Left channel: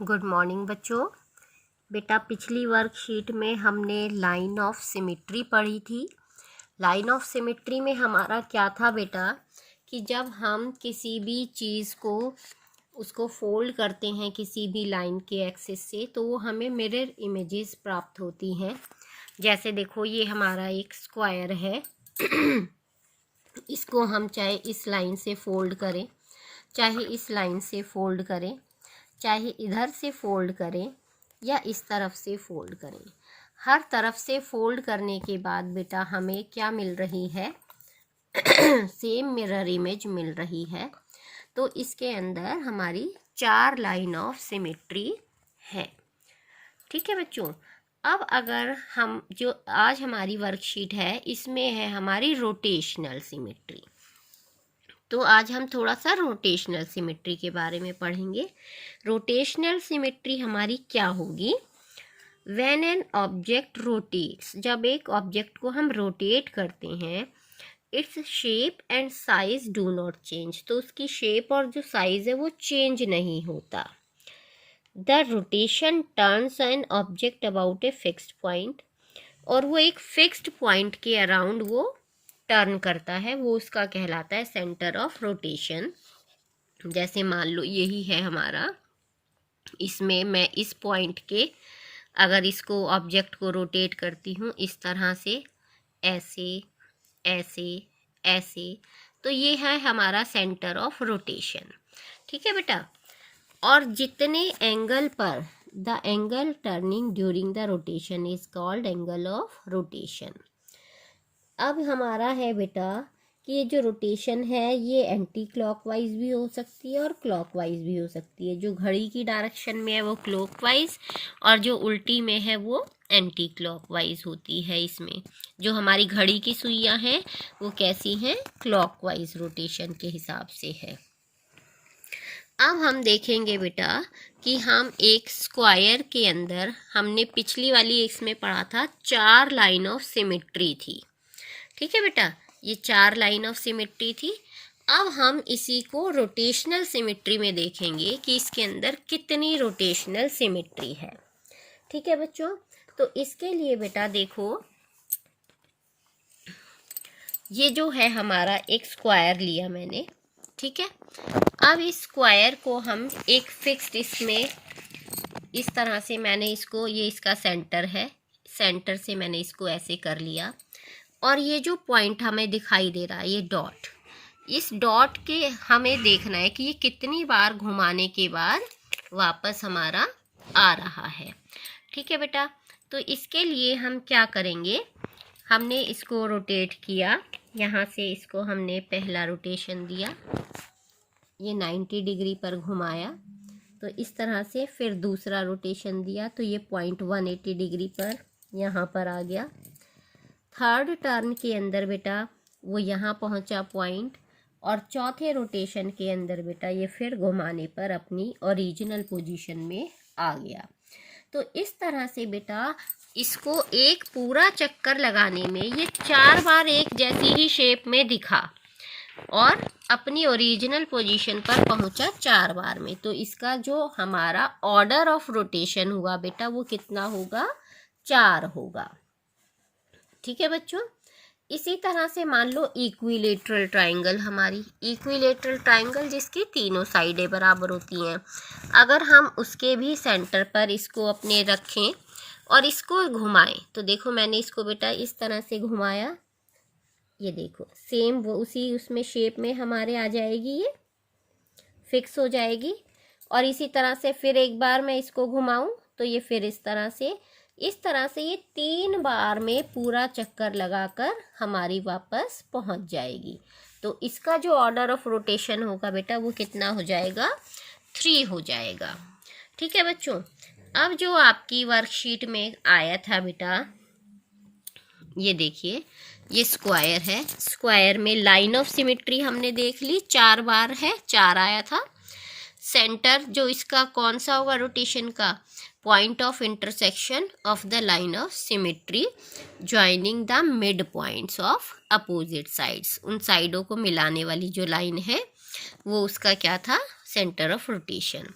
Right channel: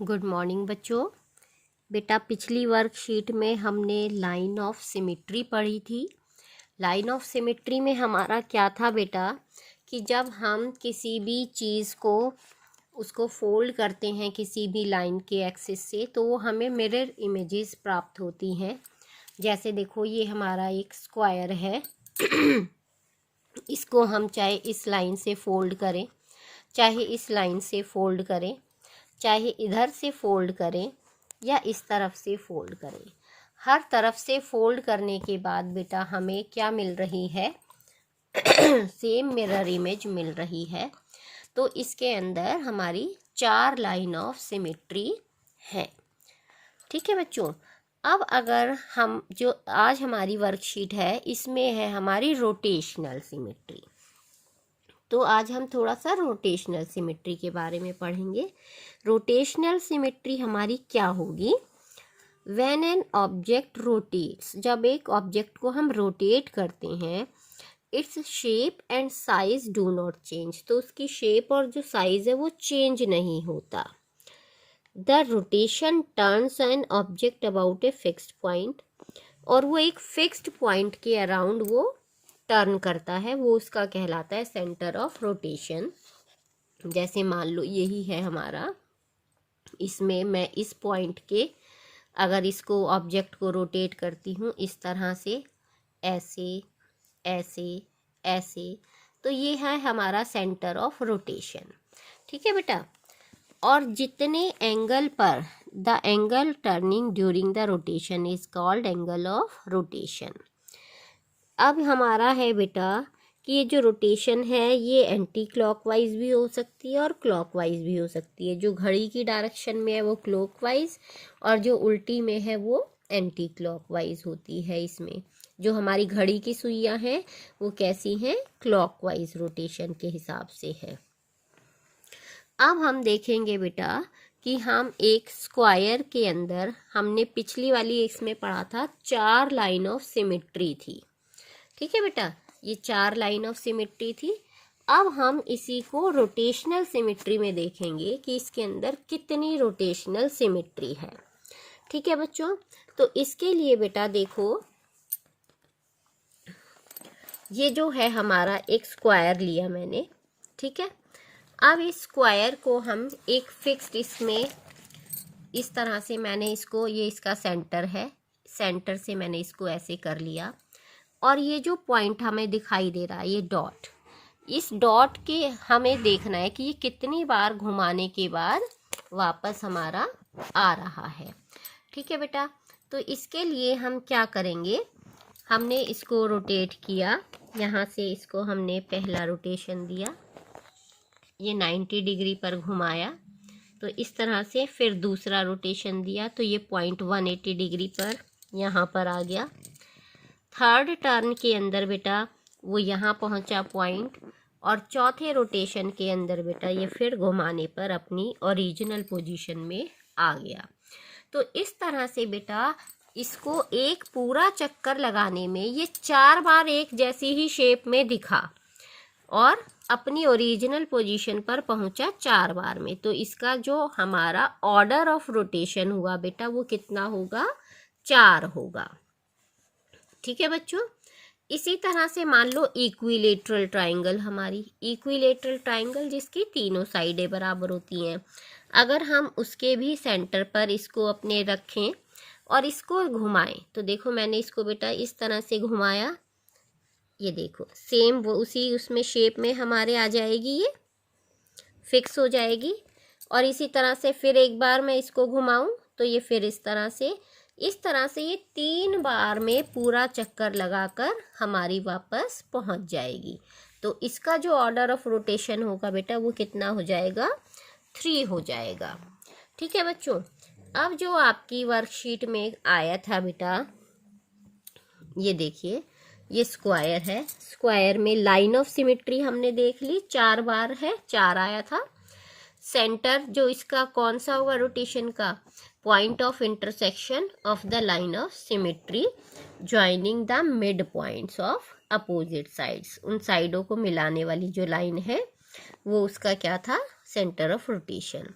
Good morning बच्चों। बेटा पिछली वर्कशीट में हमने लाइन ऑफ सिमेट्री पढ़ी थी। लाइन ऑफ सिमेट्री में हमारा क्या था बेटा कि जब हम किसी भी चीज़ को उसको फोल्ड करते हैं किसी भी लाइन के एक्सिस से तो वो हमें मिरर इमेजेस प्राप्त होती हैं। जैसे देखो ये हमारा एक स्क्वायर है इसको हम चाहे इस लाइन से फोल्ड करें, चाहे इस लाइन से फोल्ड करें, चाहे इधर से फोल्ड करें या इस तरफ से फोल्ड करें, हर तरफ से फोल्ड करने के बाद बेटा हमें क्या मिल रही है सेम मिरर इमेज मिल रही है। तो इसके अंदर हमारी 4 लाइन ऑफ सिमेट्री है। ठीक है बच्चों। अब अगर हम जो आज हमारी वर्कशीट है इसमें है हमारी रोटेशनल सिमेट्री, तो आज हम थोड़ा सा रोटेशनल सिमेट्री के बारे में पढ़ेंगे। रोटेशनल सिमेट्री हमारी क्या होगी? व्हेन एन ऑब्जेक्ट रोटेट्स, जब एक ऑब्जेक्ट को हम रोटेट करते हैं, its shape and size do not change, तो उसकी शेप और जो साइज है वो चेंज नहीं होता। The rotation turns an object about a fixed point, और वो एक फिक्स्ड पॉइंट के अराउंड वो टर्न करता है, वो उसका कहलाता है सेंटर ऑफ रोटेशन। जैसे मान लो यही है हमारा, इसमें मैं इस पॉइंट के अगर इसको ऑब्जेक्ट को रोटेट करती हूँ इस तरह से, ऐसे ऐसे ऐसे, तो ये है हमारा सेंटर ऑफ रोटेशन। ठीक है बेटा। और जितने एंगल पर the angle turning during the rotation is called angle of rotation. अब हमारा है बेटा कि ये जो रोटेशन है ये एंटी क्लॉकवाइज भी हो सकती है और क्लॉकवाइज भी हो सकती है। जो घड़ी की डायरेक्शन में है वो क्लॉकवाइज और जो उल्टी में है वो एंटी क्लॉकवाइज होती है। इसमें जो हमारी घड़ी की सुइयां हैं वो कैसी हैं? क्लॉकवाइज रोटेशन के हिसाब से है। अब हम देखेंगे बेटा कि हम एक स्क्वायर के अंदर, हमने पिछली वाली इसमें पढ़ा था 4 लाइन ऑफ सिमेट्री थी। ठीक है बेटा, ये 4 लाइन ऑफ सिमेट्री थी। अब हम इसी को रोटेशनल सिमेट्री में देखेंगे कि इसके अंदर कितनी रोटेशनल सिमेट्री है। ठीक है बच्चों। तो इसके लिए बेटा देखो, ये जो है हमारा एक स्क्वायर लिया मैंने। ठीक है। अब इस स्क्वायर को हम एक फिक्स्ड, इसमें इस तरह से मैंने इसको, ये इसका सेंटर है, सेंटर से मैंने इसको ऐसे कर लिया। और ये जो पॉइंट हमें दिखाई दे रहा है ये डॉट, इस डॉट के हमें देखना है कि ये कितनी बार घुमाने के बाद वापस हमारा आ रहा है। ठीक है बेटा। तो इसके लिए हम क्या करेंगे, हमने इसको रोटेट किया, यहाँ से इसको हमने पहला रोटेशन दिया, ये 90 डिग्री पर घुमाया, तो इस तरह से फिर दूसरा रोटेशन दिया तो ये पॉइंट 180 डिग्री पर यहाँ पर आ गया। थर्ड टर्न के अंदर बेटा वो यहाँ पहुँचा पॉइंट, और चौथे रोटेशन के अंदर बेटा ये फिर घुमाने पर अपनी ओरिजिनल पोजीशन में आ गया। तो इस तरह से बेटा इसको एक पूरा चक्कर लगाने में ये 4 बार एक जैसी ही शेप में दिखा और अपनी ओरिजिनल पोजीशन पर पहुंचा 4 बार में। तो इसका जो हमारा ऑर्डर ऑफ रोटेशन हुआ बेटा वो कितना होगा? 4 होगा। ठीक है बच्चों। इसी तरह से मान लो इक्विलेटरल ट्राइंगल, हमारी इक्विलेटरल ट्राइंगल जिसकी तीनों साइडें बराबर होती हैं, अगर हम उसके भी सेंटर पर इसको अपने रखें और इसको घुमाएं, तो देखो मैंने इसको बेटा इस तरह से घुमाया, ये देखो सेम वो उसी उसमें शेप में हमारे आ जाएगी, ये फिक्स हो जाएगी। और इसी तरह से फिर एक बार मैं इसको घुमाऊं तो ये फिर इस तरह से ये 3 बार में पूरा चक्कर लगाकर हमारी वापस पहुंच जाएगी। तो इसका जो ऑर्डर ऑफ रोटेशन होगा बेटा वो कितना हो जाएगा? 3 हो जाएगा। ठीक है बच्चों। अब जो आपकी वर्कशीट में आया था बेटा, ये देखिए ये स्क्वायर है, स्क्वायर में लाइन ऑफ सिमेट्री हमने देख ली, 4 बार है, 4 आया था। सेंटर जो इसका कौन सा होगा रोटेशन का? Point of intersection of the line of symmetry joining the mid points of opposite sides, उन साइडों को मिलाने वाली जो लाइन है वो उसका क्या था? Centre of rotation.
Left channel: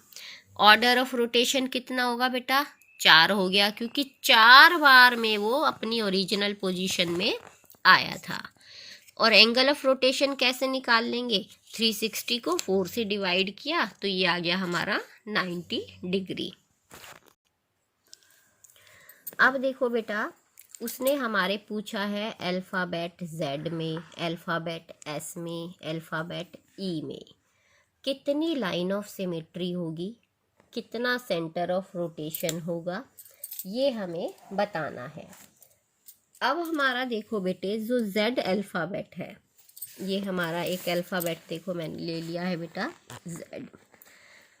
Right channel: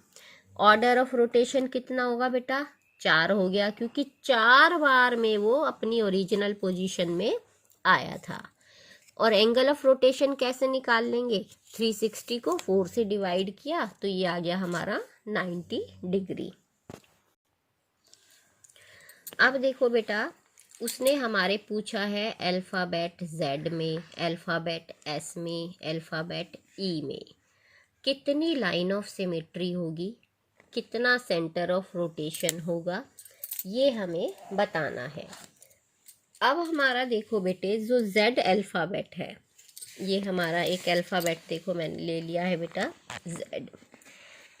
Order of rotation कितना होगा बेटा, 4 हो गया, क्योंकि 4 बार में वो अपनी ओरिजिनल पोजीशन में आया था। और एंगल ऑफ रोटेशन कैसे निकाल लेंगे, 360 को 4 से डिवाइड किया तो ये आ गया हमारा 90 डिग्री। अब देखो बेटा, उसने हमारे पूछा है अल्फ़ाबेट Z में, अल्फ़ाबेट S में, अल्फ़ाबेट E में कितनी लाइन ऑफ सिमेट्री होगी, कितना सेंटर ऑफ रोटेशन होगा, ये हमें बताना है। अब हमारा देखो बेटे, जो Z अल्फ़ाबेट है, ये हमारा एक अल्फ़ाबेट देखो मैंने ले लिया है बेटा Z।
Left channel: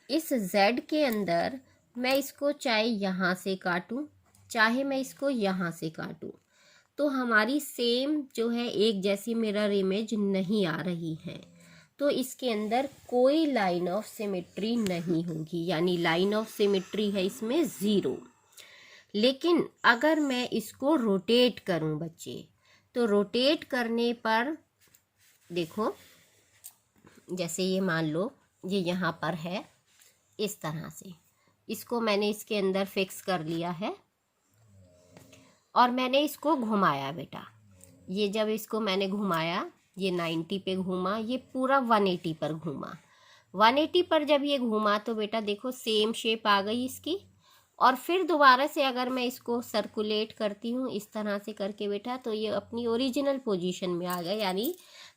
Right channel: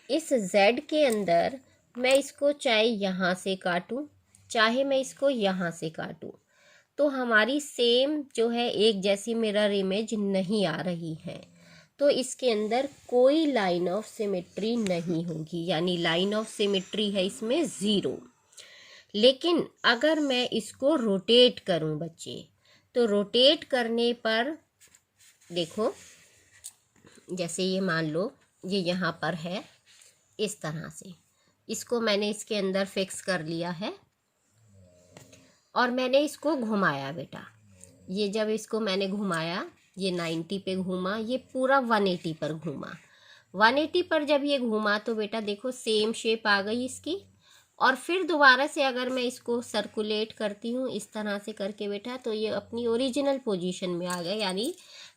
इस Z के अंदर मैं इसको चाहे यहाँ से काटूं, चाहे मैं इसको यहाँ से काटूं, तो हमारी सेम जो है एक जैसी मिरर इमेज नहीं आ रही है, तो इसके अंदर कोई लाइन ऑफ सिमेट्री नहीं होगी, यानी लाइन ऑफ सिमेट्री है इसमें 0। लेकिन अगर मैं इसको रोटेट करूं बच्चे, तो रोटेट करने पर देखो, जैसे ये मान लो ये यहाँ पर है, इस तरह से इसको मैंने इसके अंदर फिक्स कर लिया है और मैंने इसको घुमाया बेटा। ये जब इसको मैंने घुमाया, ये 90 पे घूमा, ये पूरा 180 पर घूमा। 180 पर जब ये घूमा तो बेटा देखो सेम शेप आ गई इसकी। और फिर दोबारा से अगर मैं इसको सर्कुलेट करती हूँ इस तरह से करके बेटा, तो ये अपनी ओरिजिनल पोजीशन में आ गया, यानी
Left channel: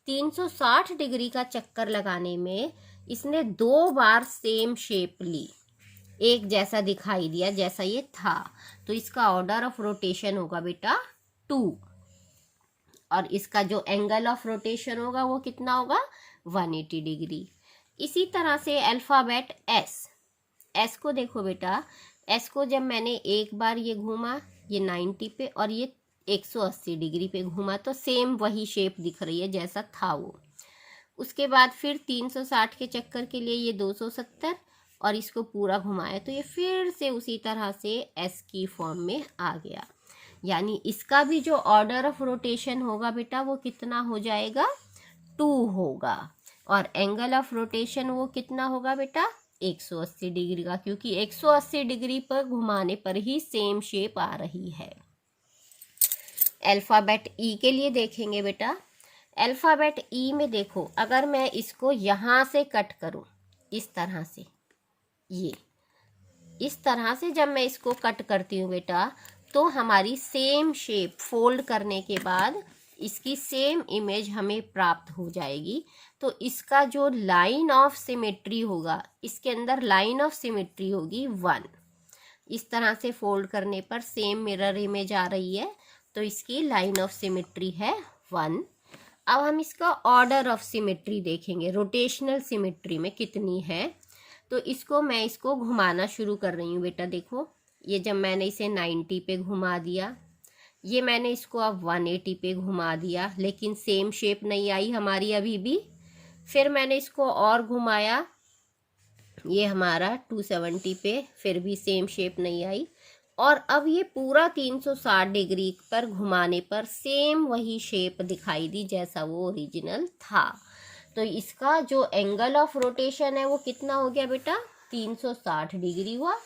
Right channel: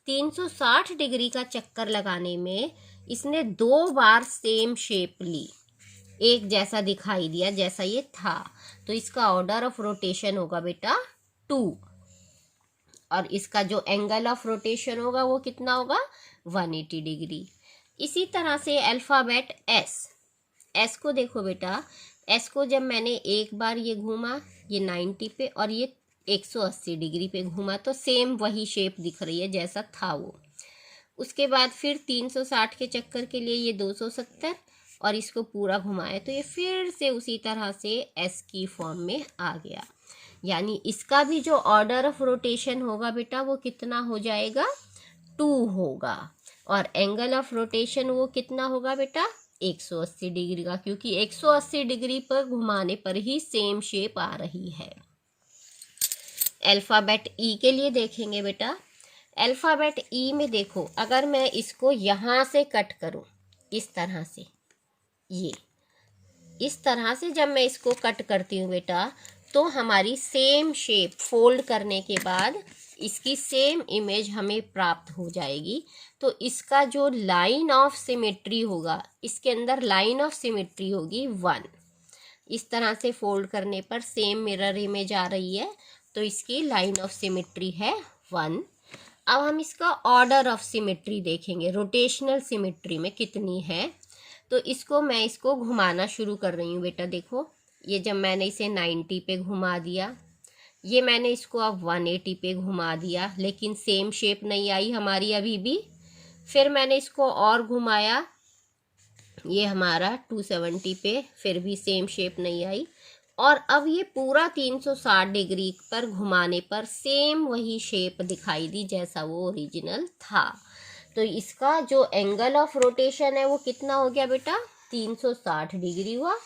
360 डिग्री का चक्कर लगाने में इसने 2 बार सेम शेप ली, एक जैसा दिखाई दिया जैसा ये था। तो इसका ऑर्डर ऑफ रोटेशन होगा बेटा 2, और इसका जो एंगल ऑफ रोटेशन होगा वो कितना होगा, 180 डिग्री। इसी तरह से अल्फ़ाबेट S को देखो बेटा, S को जब मैंने एक बार ये घूमा, ये 90 पे और ये 180 डिग्री पे घूमा, तो सेम वही शेप दिख रही है जैसा था वो। उसके बाद फिर 360 के चक्कर के लिए ये 270 और इसको पूरा घुमाया, तो ये फिर से उसी तरह से S की फॉर्म में आ गया। यानी इसका भी जो ऑर्डर ऑफ रोटेशन होगा बेटा वो कितना हो जाएगा, 2 होगा। और एंगल ऑफ रोटेशन वो कितना होगा बेटा, 180 डिग्री का, क्योंकि 180 डिग्री पर घुमाने पर ही सेम शेप आ रही है। अल्फ़ाबेट E के लिए देखेंगे बेटा। अल्फ़ाबेट E में देखो, अगर मैं इसको यहाँ से कट करूँ इस तरह से, ये इस तरह से जब मैं इसको कट करती हूँ बेटा, तो हमारी सेम शेप फोल्ड करने के बाद इसकी सेम इमेज हमें प्राप्त हो जाएगी। तो इसका जो लाइन ऑफ सिमेट्री होगा, इसके अंदर लाइन ऑफ सिमेट्री होगी 1। इस तरह से फोल्ड करने पर सेम मिरर इमेज आ रही है, तो इसकी लाइन ऑफ सिमेट्री है 1। अब हम इसका ऑर्डर ऑफ सिमेट्री देखेंगे, रोटेशनल सिमेट्री में कितनी है। तो इसको घुमाना शुरू कर रही हूँ बेटा। देखो, ये जब मैंने इसे 90 पे घुमा दिया, ये मैंने इसको अब 180 पे घुमा दिया, लेकिन सेम शेप नहीं आई हमारी अभी भी। फिर मैंने इसको और घुमाया, ये हमारा 270 पे, फिर भी सेम शेप नहीं आई। और अब ये पूरा 360 डिग्री पर घुमाने पर सेम वही शेप दिखाई दी जैसा वो ओरिजिनल था। तो इसका जो एंगल ऑफ रोटेशन है वो कितना हो गया बेटा, 360 डिग्री हुआ।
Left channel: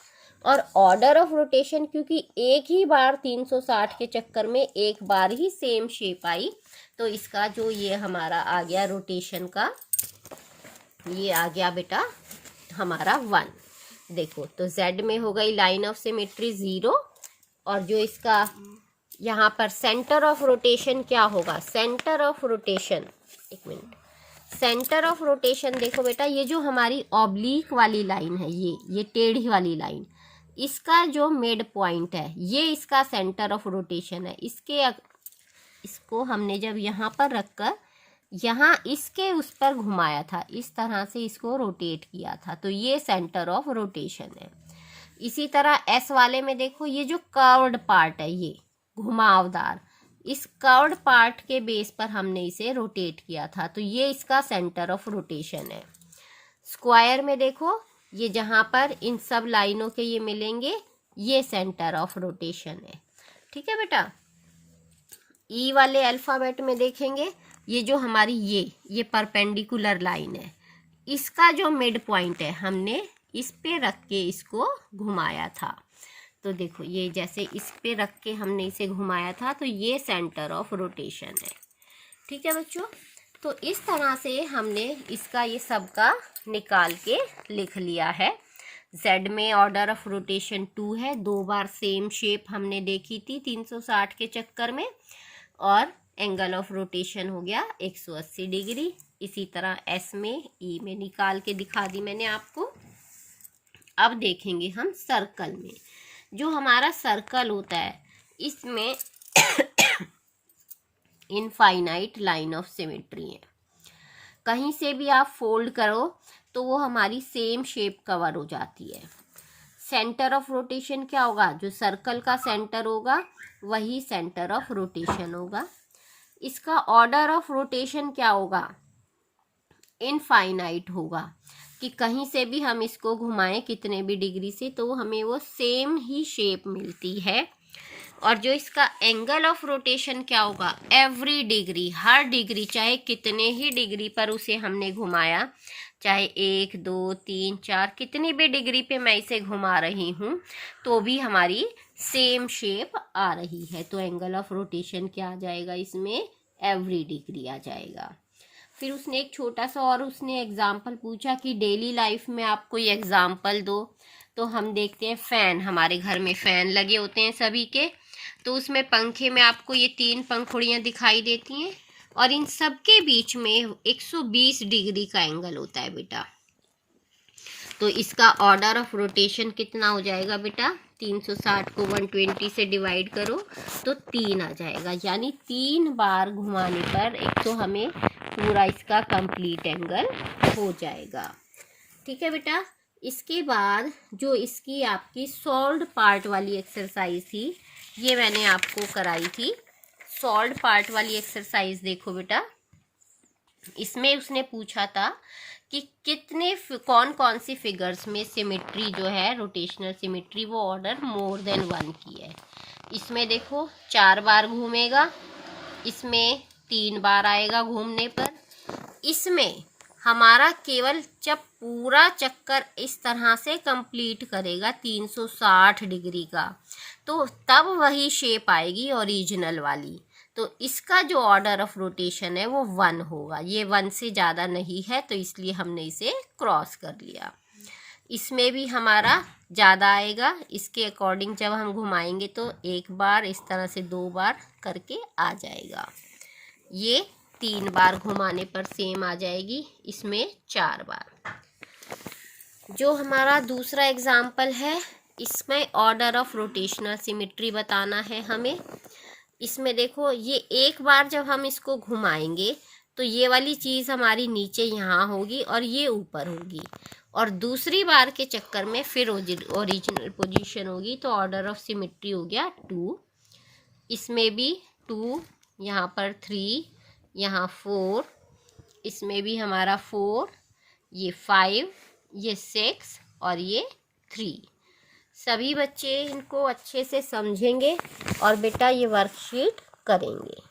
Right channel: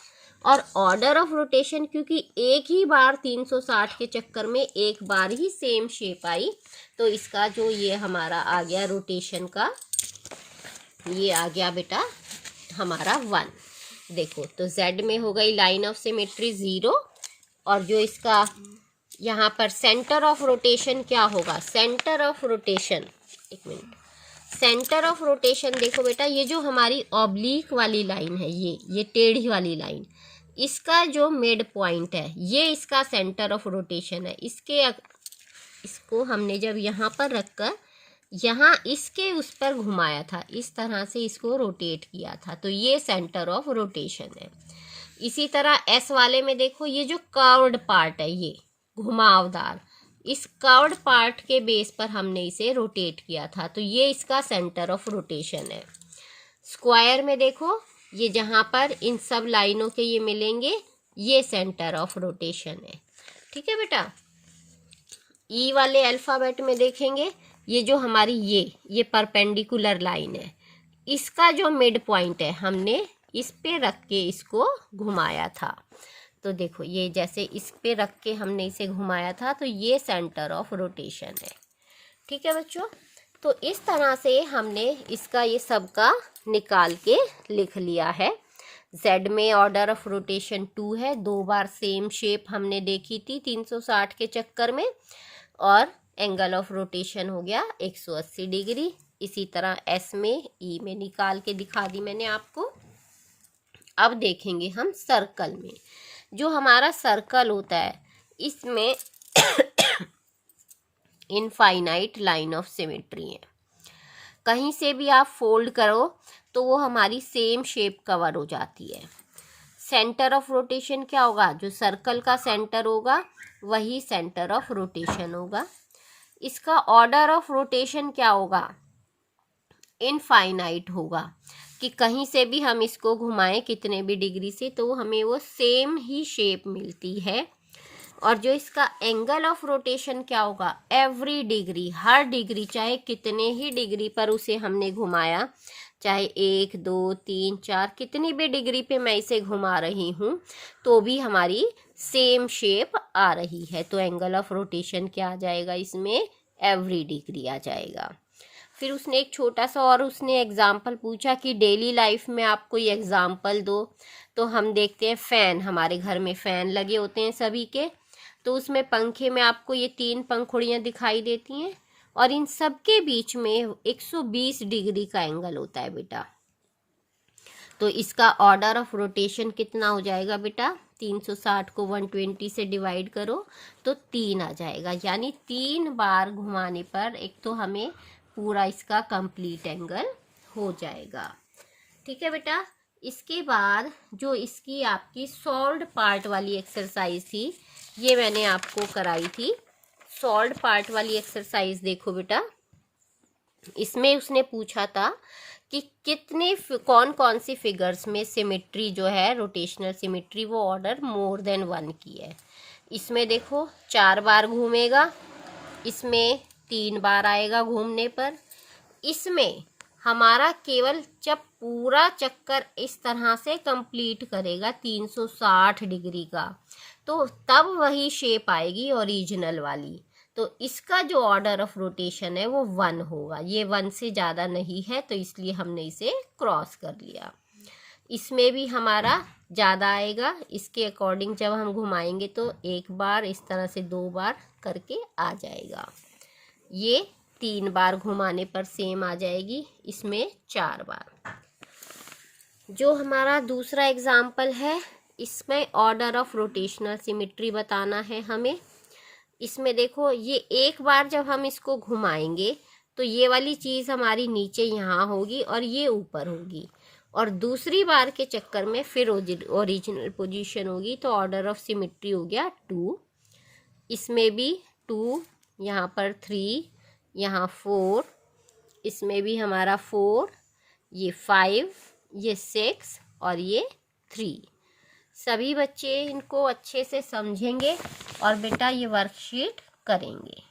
और ऑर्डर ऑफ रोटेशन, क्योंकि एक ही बार 360 के चक्कर में एक बार ही सेम शेप आई, तो इसका जो ये हमारा आ गया रोटेशन का, ये आ गया बेटा हमारा 1। देखो, तो Z में हो गई लाइन ऑफ सिमेट्री 0, और जो इसका यहाँ पर सेंटर ऑफ रोटेशन क्या होगा, सेंटर ऑफ रोटेशन, एक मिनट, सेंटर ऑफ रोटेशन देखो बेटा, ये जो हमारी ऑब्लिक वाली लाइन है, ये टेढ़ी वाली लाइन, इसका जो मिड पॉइंट है ये इसका सेंटर ऑफ रोटेशन है। इसको हमने जब यहाँ पर रखकर यहाँ इसके उस पर घुमाया था, इस तरह से इसको रोटेट किया था, तो ये सेंटर ऑफ रोटेशन है। इसी तरह S वाले में देखो, ये जो कर्व्ड पार्ट है, ये घुमावदार, इस कर्व्ड पार्ट के बेस पर हमने इसे रोटेट किया था, तो ये इसका सेंटर ऑफ रोटेशन है। स्क्वायर में देखो, ये जहाँ पर इन सब लाइनों के ये मिलेंगे, ये सेंटर ऑफ रोटेशन है। ठीक है बेटा। E वाले अल्फ़ाबेट में देखेंगे, ये जो हमारी ये परपेंडिकुलर लाइन है, इसका जो मिड पॉइंट है हमने इस पे रख के इसको घुमाया था। तो देखो ये जैसे इस पे रख के हमने इसे घुमाया था, तो ये सेंटर ऑफ रोटेशन है। ठीक है बच्चों, तो इस तरह से हमने इसका ये सब का निकाल के लिख लिया है। Z में ऑर्डर ऑफ रोटेशन 2 है, 2 बार सेम शेप हमने देखी थी 360 के चक्कर में, और एंगल ऑफ रोटेशन हो गया 180 डिग्री। इसी तरह S में E में निकाल के दिखा दी मैंने आपको। अब देखेंगे हम सर्कल में। जो हमारा सर्कल होता है इसमें इनफाइनाइट लाइन ऑफ सिमेट्री है। कहीं से भी आप फोल्ड करो तो वो हमारी सेम शेप कवर हो जाती है। सेंटर ऑफ रोटेशन क्या होगा? जो सर्कल का सेंटर होगा वही सेंटर ऑफ रोटेशन होगा। इसका ऑर्डर ऑफ रोटेशन क्या होगा? इनफाइनाइट होगा, कि कहीं से भी हम इसको घुमाएं कितने भी डिग्री से तो हमें वो सेम ही शेप मिलती है। और जो इसका एंगल ऑफ रोटेशन क्या होगा? एवरी डिग्री, हर डिग्री, चाहे कितने ही डिग्री पर उसे हमने घुमाया, चाहे 1 2 3 4 कितनी भी डिग्री पे मैं इसे घुमा रही हूँ तो भी हमारी सेम शेप आ रही है। तो एंगल ऑफ रोटेशन क्या आ जाएगा इसमें? एवरी डिग्री आ जाएगा। फिर उसने एक छोटा सा और उसने एग्जाम्पल पूछा कि डेली लाइफ में आप कोई एग्जाम्पल दो। तो हम देखते हैं फ़ैन, हमारे घर में फ़ैन लगे होते हैं सभी के, तो उसमें पंखे में आपको ये 3 पंखुड़ियाँ दिखाई देती हैं और इन सब के बीच में 120 डिग्री का एंगल होता है बेटा। तो इसका ऑर्डर ऑफ रोटेशन कितना हो जाएगा बेटा? 360 को 120 से डिवाइड करो तो 3 आ जाएगा, यानी 3 बार घुमाने पर एक तो हमें पूरा इसका कंप्लीट एंगल हो जाएगा। ठीक है बेटा। इसके बाद जो इसकी आपकी सॉल्व्ड पार्ट वाली एक्सरसाइज थी, ये मैंने आपको कराई थी। सॉल्व्ड पार्ट वाली एक्सरसाइज देखो बेटा, इसमें उसने पूछा था कि कितने कौन कौन सी फिगर्स में सिमेट्री जो है, रोटेशनल सिमेट्री, वो ऑर्डर मोर देन 1 की है। इसमें देखो 4 बार घूमेगा, इसमें 3 बार आएगा घूमने पर। इसमें हमारा केवल जब पूरा चक्कर इस तरह से कंप्लीट करेगा 360 डिग्री का, तो तब वही शेप आएगी ओरिजिनल वाली। तो इसका जो ऑर्डर ऑफ रोटेशन है वो 1 होगा। ये 1 से ज़्यादा नहीं है तो इसलिए हमने इसे क्रॉस कर लिया। इसमें भी हमारा ज़्यादा आएगा, इसके अकॉर्डिंग जब हम घुमाएंगे तो 1 बार, इस तरह से 2 बार करके आ जाएगा। ये 3 बार घुमाने पर सेम आ जाएगी, इसमें 4 बार। जो हमारा दूसरा एग्जाम्पल है, इसमें ऑर्डर ऑफ रोटेशनल सिमेट्री बताना है हमें। इसमें देखो ये 1 बार जब हम इसको घुमाएंगे तो ये वाली चीज़ हमारी नीचे यहाँ होगी और ये ऊपर होगी, और दूसरी बार के चक्कर में फिर ओरिजिनल पोजीशन होगी। तो ऑर्डर ऑफ सिमेट्री हो गया 2। इसमें भी 2, यहाँ पर 3, यहाँ 4, इसमें भी हमारा 4, ये 5, ये 6 और ये 3। सभी बच्चे इनको अच्छे से समझेंगे और बेटा ये वर्कशीट करेंगे।